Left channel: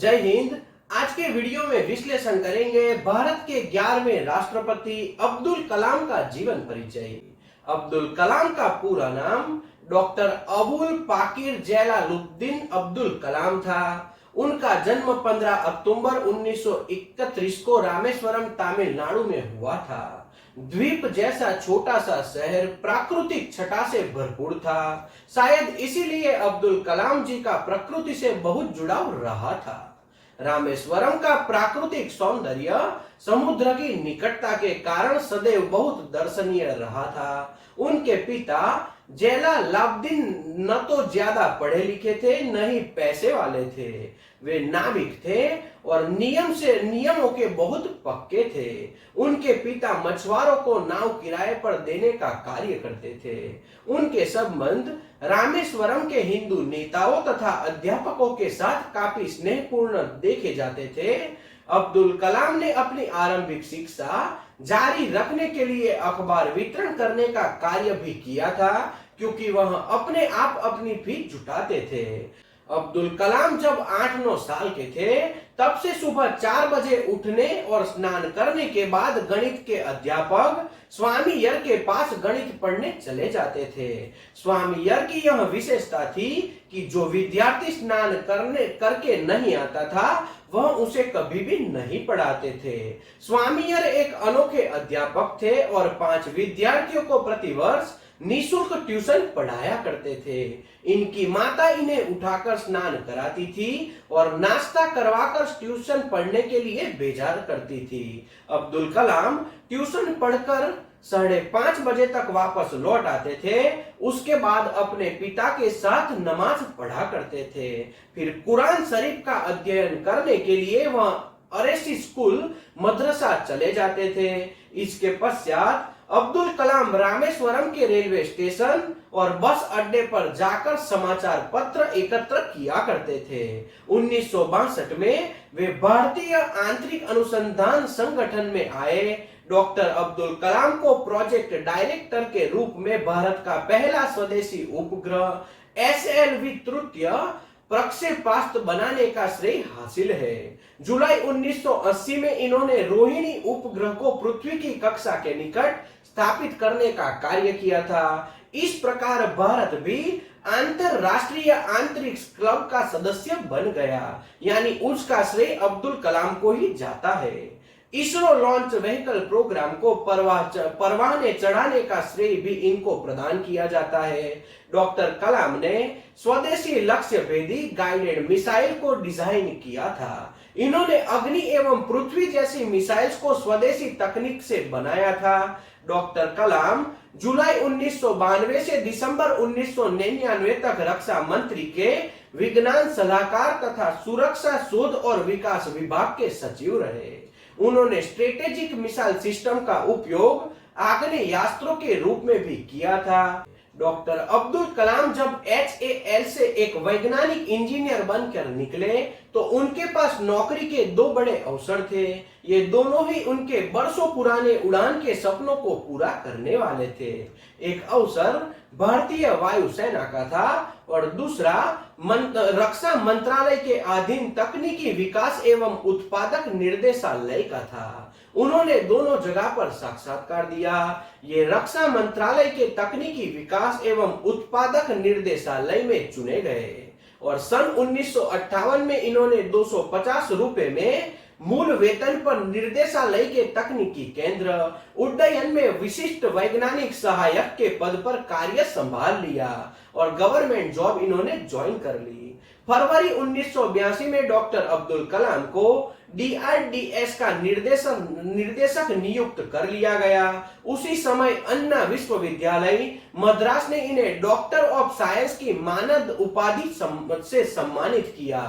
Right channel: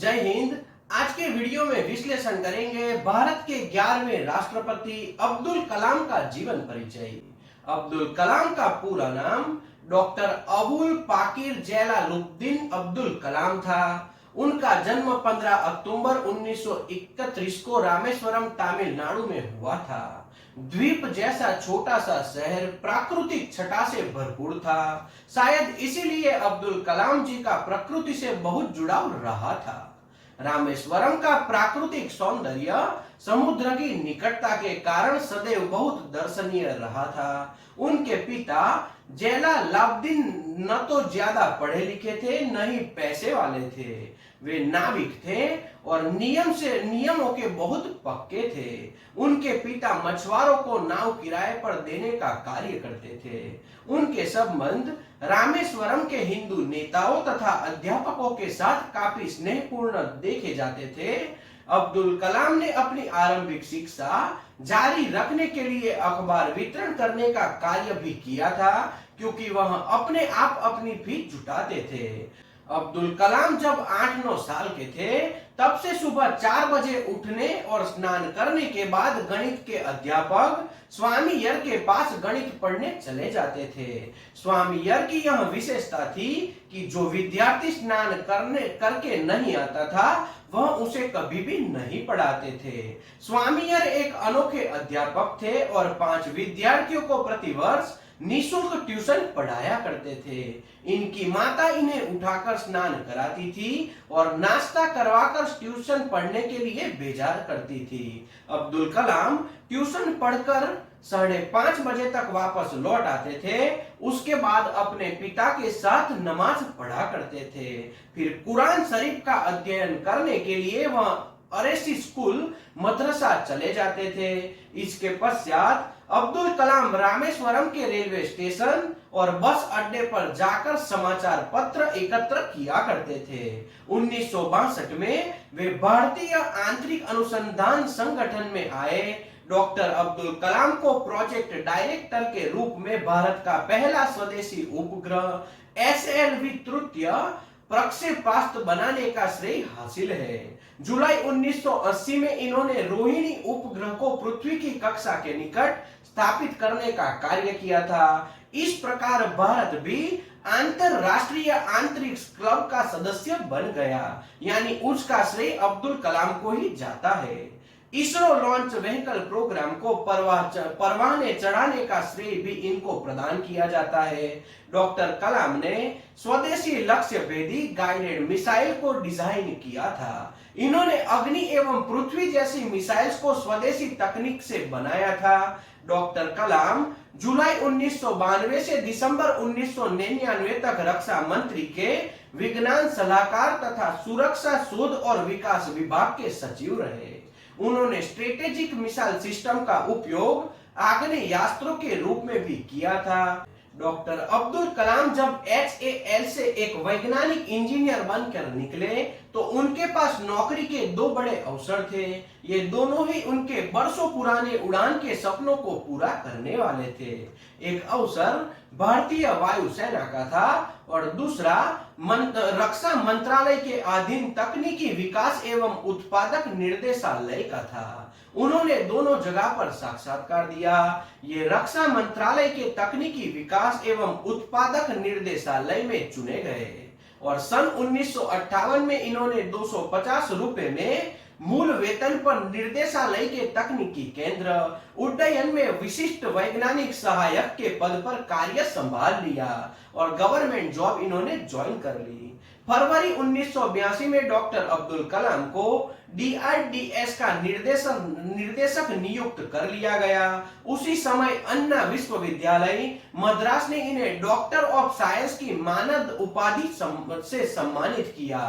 जय हिंद। आज के वीडियो में विश्लेषण करेंगे भारत के 11वें राष्ट्रपति अब्दुल कलाम का जीवन परिचय। अब्दुल कलाम का पूरा नाम डॉक्टर अबुल पाकिर जलालुद्दीन अब्दुल कलाम था। उनका जन्म 15 अक्टूबर 1931 को रामेश्वरम तमिलनाडु में हुआ था। द्वीप जैसा छोटा सा शहर प्राकृतिक छटा से भरपूर था। शायद इसीलिए अब्दुल कलाम जी का प्रकृति से बहुत जुड़ाव रहा था। रामेश्वरम का प्राकृतिक सौंदर्य समुद्र की निकटता के कारण सदैव बहुत दर्शनीय रहा था। उनके पिता जलालुद्दीन न तो ज्यादा पढ़े लिखे थे न ही पैसे वाले थे। वे नाविक थे और नियमों के बहुत पक्के थे। उनके पिता मछुआरों को नाव किराए पर देने का कार्य करते थे। उनके संबंध रामेश्वरम के हिंदू नेताओं तथा अध्यापकों के साथ काफी स्नेहपूर्ण देखे जाते थे। अब्दुल कलाम ने अपनी आरंभिक शिक्षा जारी रखने के लिए अखबार वितरण करने का कार्य भी किया था, क्योंकि वह अपने आप अपनी फीस जुटाते थे। अब्दुल कलाम जब 8-9 साल के थे तब से सुबह 4 बजे उठने और स्नान करने के बाद गणित के अध्यापक स्वामी यर के पास गणित पढ़ने चले जाते थे। स्वामी यर की यह विशेषता थी कि जो विद्यार्थी स्नान करके नहीं आता था वह उसे कभी भी नहीं पढ़ाते थे। स्वामी यर एक अनोखे अध्यापक थे और 5 विद्यार्थियों को प्रतिवर्ष निःशुल्क ट्यूशन पढ़ाया करते थे। इनकी माता इन्हें उठाकर स्नान कराती थी और नाश्ता करवाकर ट्यूशन पढ़ने के लिए भेजा करती थी। अब्दुल कलाम ट्यूशन पढ़कर 5:30 बजे तक वापस लौट आते थे। उसके बाद अपने पिता के साथ नमाज पढ़ा करते थे। फिर कुरान शरीफ का अध्ययन करने के लिए वह अरेसी स्कूल मदरसा चले जाते थे। इसके पश्चात अब्दुल कलाम रामेश्वरम के रेलवे स्टेशन और बस अड्डे पर जाकर समाचार पत्र एकत्र किया करते थे। 1962 में वे भारतीय आंतरिक अनुसंधान संगठन में आए। डॉक्टर अब्दुल कलाम को प्रोजेक्ट डायरेक्टर के रूप में भारत का पहला स्वदेशी उपग्रह SLV तृतीय प्रक्षेपास्त्र बनाने का श्रेय हासिल है। जुलाई 1980 में इन्होंने रोहिणी उपग्रह को पृथ्वी की कक्षा के निकट स्थापित करने का कार्य किया था। इस प्रकार भारत भी अंतरराष्ट्रीय अंतरिक्ष क्लब का सदस्य बन गया, यानी उसका श्रेय अब्दुल कलाम को ही जाता है। इसरो लॉन्च व्हीकल प्रोग्राम को परवाने चढ़ाने का श्रेय भी इनको प्रदान किया जाता है। डॉक्टर कलाम ने स्वदेशी लक्ष्य भेदी गाइडेड मिसाइल को डिजाइन किया था। इन्होंने अग्नि एवं पृथ्वी जैसी मिसाइल्स को स्वदेशी तकनीक से बनाया था। डॉक्टर कलाम जुलाई 1992 से दिसंबर 1999 तक रक्षा मंत्री के विज्ञान सलाहकार तथा सुरक्षा शोध और विकास विभाग के सचिव रहे। उन्होंने स्ट्रेटेजिक मिसाइल सिस्टम का उपयोग आग्नेयास्त्रों के रूप में भी किया था। डॉक्टर अब्दुल कलाम जब HAL से एक वैज्ञानिक इंजीनियर बनकर निकले तो उनके पास नौकरी के 2 बड़े अवसर थे। ये दोनों ही उनके बरसों पुराने उड़ान के सपनों को पूरा करने वाले थे। एक अवसर भारतीय वायुसेना का था और दूसरा रक्षा मंत्रालय के अधीन तकनीकी विकास एवं उत्पादक निर्देशालय का था। उन्होंने दोनों जगह पर साक्षात्कार दिया। ये रक्षा मंत्रालय के तकनीकी विकास एवं उत्पादक निर्देशालय में चुने गए और सन 1958 में इन्होंने 250 रुपए में मूल वेतन पर निर्देशालय के तकनीकी केंद्र उड्डयन में विशिष्ट वैज्ञानिक सहायक के पद पर कार्य संभाल लिया और गवर्नमेंट जॉब इन्होंने ज्वाइन कर ली। फरवरी 1982 में डॉक्टर अब्दुल कलाम को DRDS का निर्देशक नियुक्त कर लिया गया। उसी समय अन्ना विश्वविद्यालय मद्रास ने इन्हें डॉक्टर ऑफ साइंस की मानद उपाधि से सम्मानित किया।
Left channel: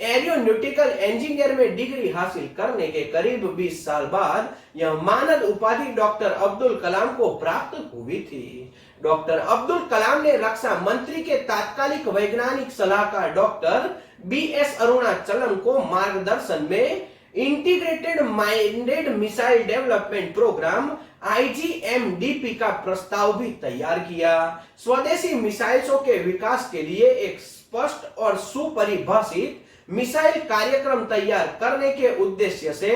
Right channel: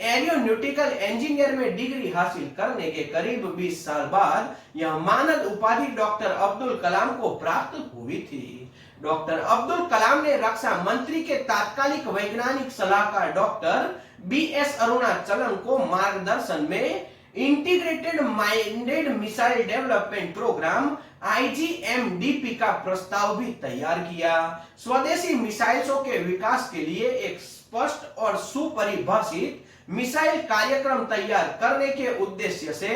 एरोनॉटिकल इंजीनियर में डिग्री हासिल करने के करीब 20 साल बाद यह मानद उपाधि डॉक्टर अब्दुल कलाम को प्राप्त हुई थी। डॉक्टर अब्दुल कलाम ने रक्षा मंत्री के तात्कालिक वैज्ञानिक सलाहकार डॉक्टर BS अरुणाचलम को मार्गदर्शन में integrated minded missile development programme IGMDP का प्रस्ताव भी तैयार किया। स्वदेशी मिसाइलों के विकास के लिए एक स्पष्ट और सुपरिभाषित मिसाइल कार्यक्रम तैयार करने के उद्देश्य से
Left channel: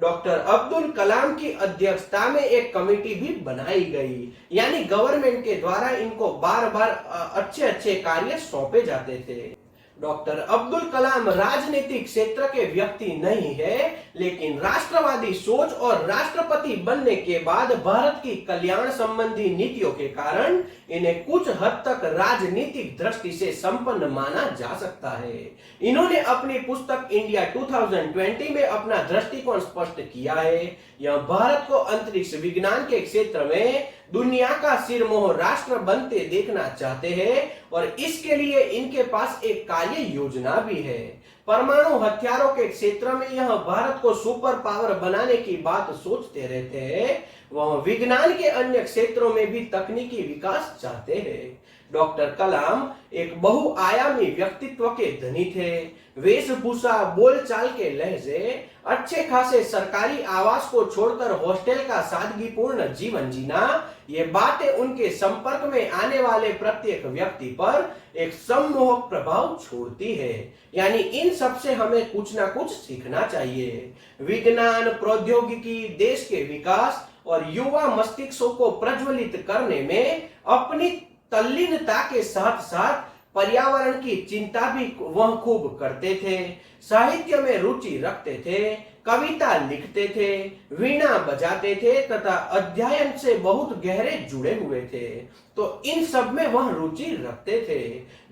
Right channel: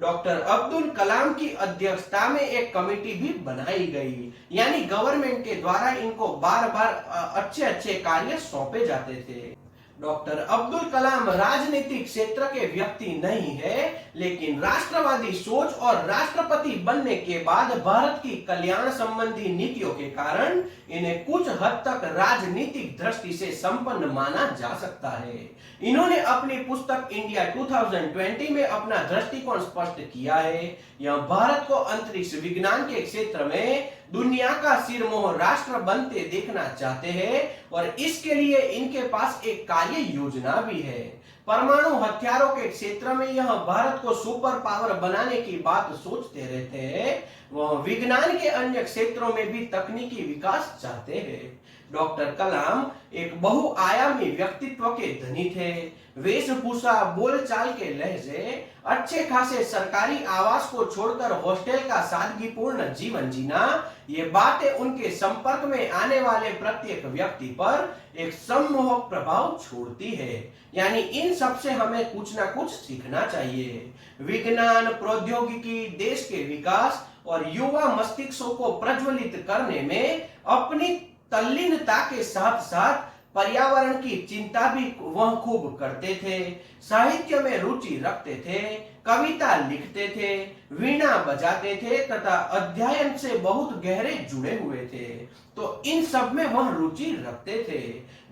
डॉक्टर अब्दुल कलाम की अध्यक्षता में एक कमेटी भी बनाई गई। यानी गवर्नमेंट के द्वारा इनको बार बार अच्छे अच्छे कार्य सौंपे जाते थे। डॉक्टर अब्दुल कलाम राजनीतिक क्षेत्र के व्यक्ति नहीं है, लेकिन राष्ट्रवादी सोच और राष्ट्रपति बनने के बाद भारत की कल्याण संबंधी नीतियों के कारण इन्हें कुछ हद तक राजनीतिक दृष्टि से संपन्न माना जा सकता है। इन्होंने अपनी पुस्तक इंडिया 2020 में अपना दृष्टिकोण स्पष्ट किया है। यह भारत को अंतरिक्ष विज्ञान के क्षेत्र में दुनिया का सिरमोहर राष्ट्र बनते देखना चाहते हैं और इसके लिए इनके पास एक कार्य योजना भी है। परमाणु हथियारों के क्षेत्र में यह भारत को सुपर पावर बनाने की बात सोचते रहते हैं। वह विज्ञान के अन्य क्षेत्रों में भी तकनीकी विकास चाहते हैं। डॉक्टर कलाम एक बहुआयामी व्यक्तित्व के धनी थे। वेशभूषा, बोलचाल के लहजे, अच्छे खासे सरकारी आवास को छोड़कर हॉस्टल का सादगीपूर्ण जीवन जीना, ये बातें उनके संपर्क में आने वाले प्रत्येक व्यक्ति पर एक सम्मोहक प्रभाव छोड़ती है। यानी इन सब से हमें कुछ ना कुछ सीखना चाहिए। विज्ञान, प्रौद्योगिकी, देश के विकास और युवा मस्तिष्कों को प्रज्वलित करने में अपनी तल्लीनता के साथ साथ पर्यावरण की चिंता भी वह खूब करते थे। साहित्य में रुचि रखते थे, कविता लिखते थे, वीणा बजाते थे तथा अध्ययन से बहुत गहरे जुड़े हुए थे। तो इन सब में वह रुचि रखते थे।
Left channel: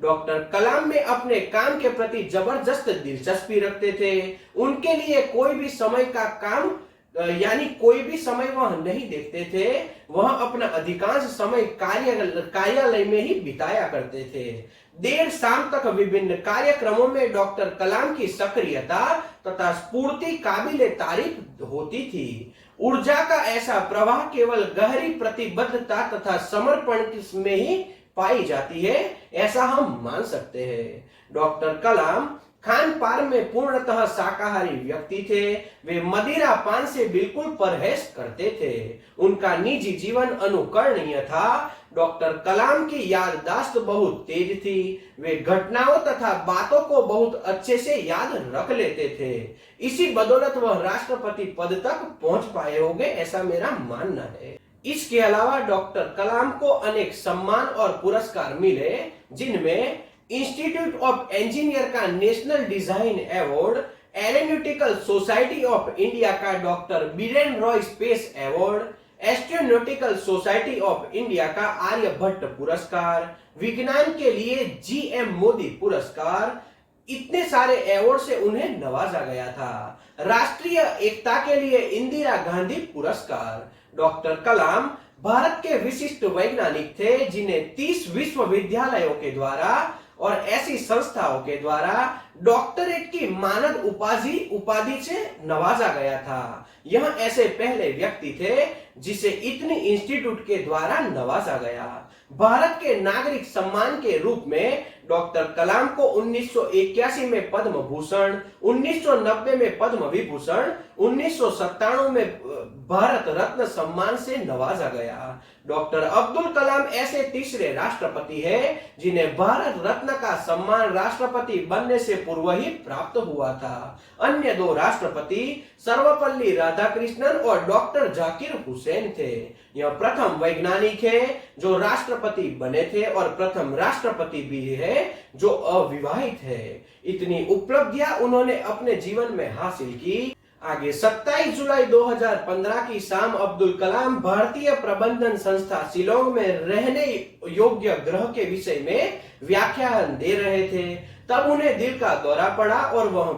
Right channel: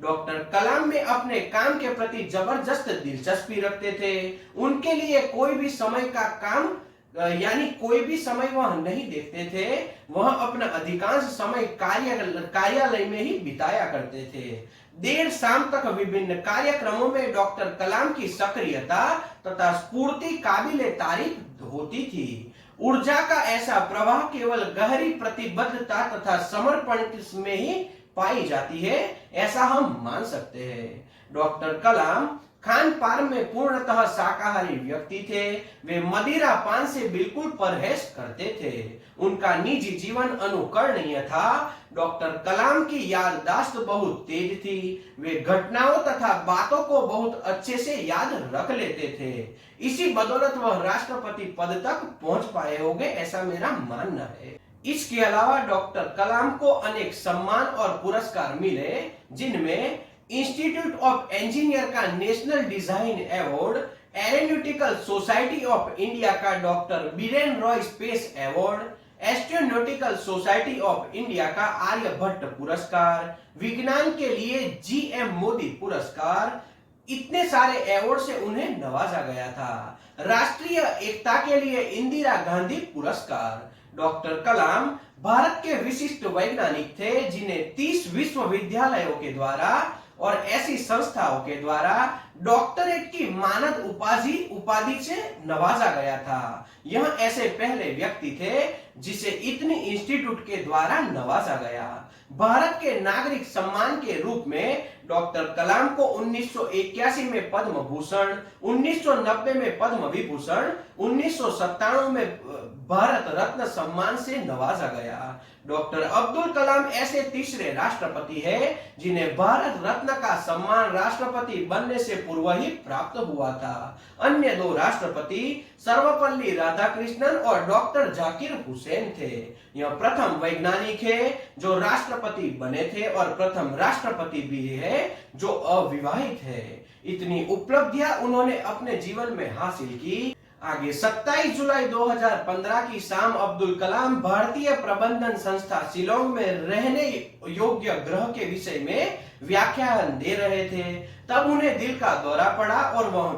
डॉक्टर कलाम में अपने काम के प्रति जबरदस्त दिलचस्पी रखते थे। उनके लिए कोई भी समय का काम यानी कोई भी समय वह नहीं देखते थे। वह अपना अधिकांश समय कार्यालय में ही बिताया करते थे। देर शाम तक विभिन्न कार्यक्रमों में डॉक्टर कलाम की सक्रियता तथा स्फूर्ति काबिले तारीफ होती थी। ऊर्जा का ऐसा प्रवाह केवल गहरी प्रतिबद्धता तथा समर्पण में ही पाई जाती है, ऐसा हम मान सकते हैं। डॉक्टर कलाम खान पान में पूर्णतः शाकाहारी व्यक्ति थे। वे मदिरा पान से बिल्कुल परहेज करते थे। उनका निजी जीवन अनुकरणीय था। डॉक्टर कलाम की याददाश्त बहुत तेज थी। वे घटनाओं तथा बातों को बहुत अच्छे से याद रख लेते थे। इसी बदौलत वह राष्ट्रपति पद तक पहुंच पाए होंगे, ऐसा मेरा मानना है। इसके अलावा डॉक्टर कलाम को अनेक सम्मान और पुरस्कार मिले, जिनमें इंस्टीट्यूट ऑफ इंजीनियर का national design award, aeronautical society of India का doctor Biren Roy space award, astronautical society of India का आर्यभट्ट पुरस्कार, विज्ञान के लिए जीएम मोदी पुरस्कार, इतने सारे अवार्ड से उन्हें नवाजा गया था। राष्ट्रीय एकता के लिए इंदिरा गांधी पुरस्कार। डॉक्टर कलाम भारत के विशिष्ट वैज्ञानिक थे, जिन्हें 30 विश्वविद्यालयों के द्वारा और ऐसी संस्थाओं के द्वारा डॉक्टरेट की मानद उपाधि से नवाजा गया था। यह ऐसे पहले व्यक्ति थे जिसे इतनी इंस्टीट्यूट के द्वारा नवाजा गया। भारत के नागरिक सम्मान के रूप में डॉक्टर कलाम को 1981 में पद्म भूषण, 1990 में पद्म विभूषण, 1997 में भारत रत्न सम्मान से नवाजा गया। डॉक्टर अब्दुल कलाम ऐसे तीसरे राष्ट्रपति हैं जिन्हें भारत रत्न का सम्मान राष्ट्रपति बनने से पूर्व ही प्राप्त हुआ था। अन्य 2 राष्ट्रपति सर्वपल्ली राधाकृष्णन और डॉक्टर जाकिर हुसैन थे। यह प्रथम वैज्ञानिक है जो राष्ट्रपति बने थे और प्रथम राष्ट्रपति भी है जो अविवाहित है। इतनी उपलब्धियां उन्होंने अपने जीवन में हासिल की। आगे 27 जुलाई 2015 की शाम अब्दुल कलाम भारतीय प्रबंधन संस्था शिलोंग में रहने योग्य ग्रह के विषय में व्याख्यान दे रहे थे। तब उन्हें दिल का दौरा पड़ा और वह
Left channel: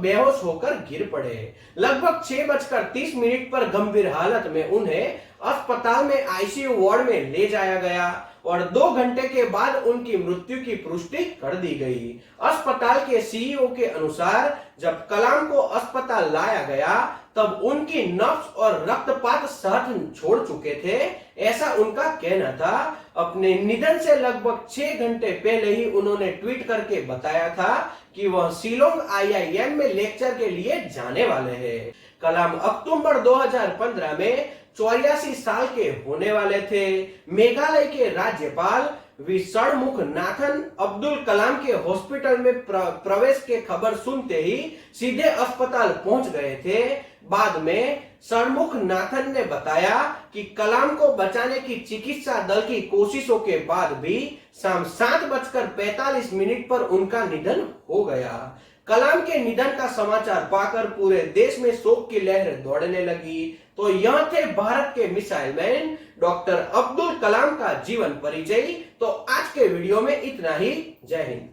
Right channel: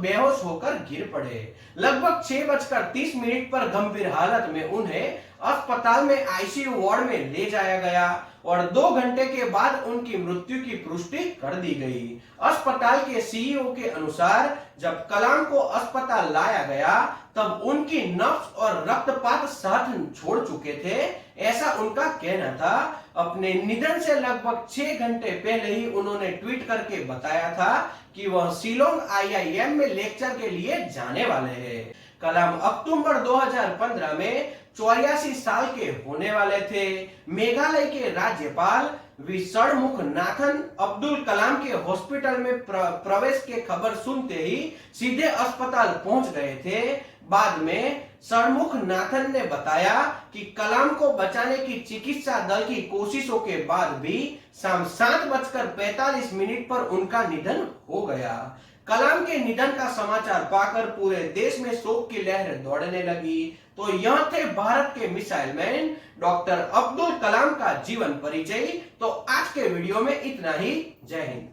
बेहोश होकर गिर पड़े। लगभग 6:30 पर गंभीर हालत में उन्हें अस्पताल में आईसीयू वार्ड में ले जाया गया और 2 घंटे के बाद उनकी मृत्यु की पुष्टि कर दी गई। अस्पताल के सीईओ के अनुसार जब कलाम को अस्पताल लाया गया तब उनकी नब्ज और रक्तपात साथ छोड़ चुके थे, ऐसा उनका कहना था। अपने निधन से लगभग 6 घंटे पहले ही उन्होंने ट्वीट करके बताया था कि वह शिलोंग आईआईएम में लेक्चर के लिए जाने वाले हैं। कलाम अक्टूबर 2015 में 84 साल के होने वाले थे। मेघालय के राज्यपाल वी षणमुख नाथन अब्दुल कलाम के हॉस्पिटल में प्रवेश के खबर सुनते ही सीधे अस्पताल पहुंच गए थे। बाद में षणमुख नाथन ने बताया कि कलाम को बचाने की चिकित्सा दल की कोशिशों के बाद भी शाम 7:45 पर उनका निधन हो गया। कलाम के निधन का समाचार पाकर पूरे देश में शोक की लहर दौड़ने लगी। तो यह थे भारत के missile man doctor Abdul Kalam का जीवन परिचय। तो आज के वीडियो में इतना ही। जय हिंद।